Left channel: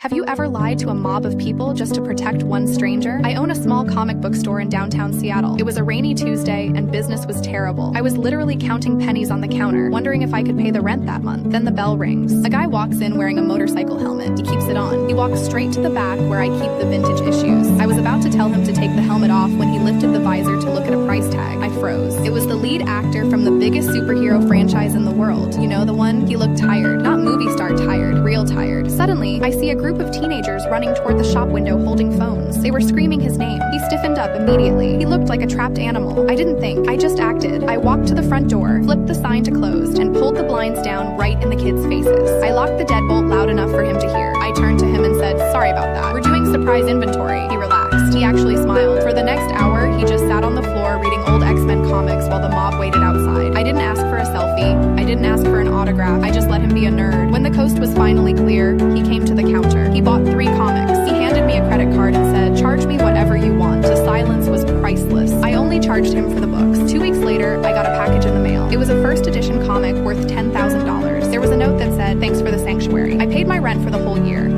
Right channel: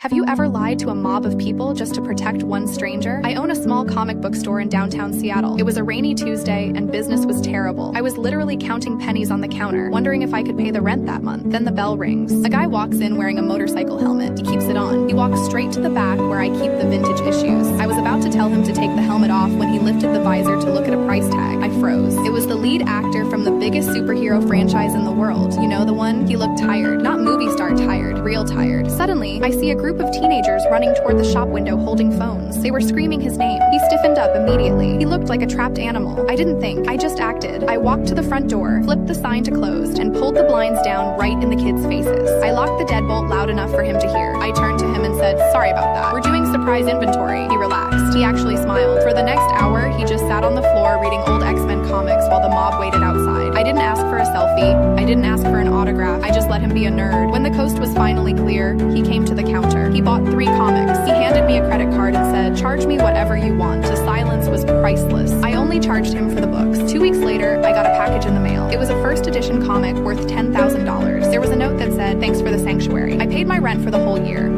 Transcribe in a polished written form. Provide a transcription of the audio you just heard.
Have you ever lied to a mob of people just to protect one stranger? I own a small comic book store in downtown Seattle. It was a rainy Tuesday and business was terrible. I was literally counting pennies on the counter, wondering if I could pay the rent that month. Then the bell rings. A guy walks in wearing a motorcycle helmet. He keeps it on. He walks straight to the back where I keep the vintage issues. I was about to tell him to take the helmet off when he lifted the visor to look at a price tag. I froze. It was the lead actor from the biggest superhero franchise in the world. You know the one? He looked tired. Not movie star tired, real tired. Suddenly, I see a group of teenagers running toward the shop window holding phones. They were screaming his name. He stiffened up immediately. He looked like a trapped animal. I didn't think. I just acted. I walked to the front door, flipped the sign to closed, and pulled the blinds down right in the kids' faces. I locked the deadbolt loud enough for him to hear. I turned to him and said, "Sorry about that. We're doing surprise inventory." He relaxed. He actually smiled. For the next hour, he just sat on the floor reading old X-Men comics while the mob waited outside. I didn't ask for a selfie. I didn't ask for an autograph. I just let him be a nerd. When the coast was finally clear, he came to the counter. He bought 3 comics. He handed me a credit card and said, "Charge me whatever you want." The silence was priceless. I only charged him for the books. 2 weeks later, I got a package in the mail. It was a first edition comic worth $10,000. There was a note that said, "Thanks for the sanctuary." I paid my rent for the whole year.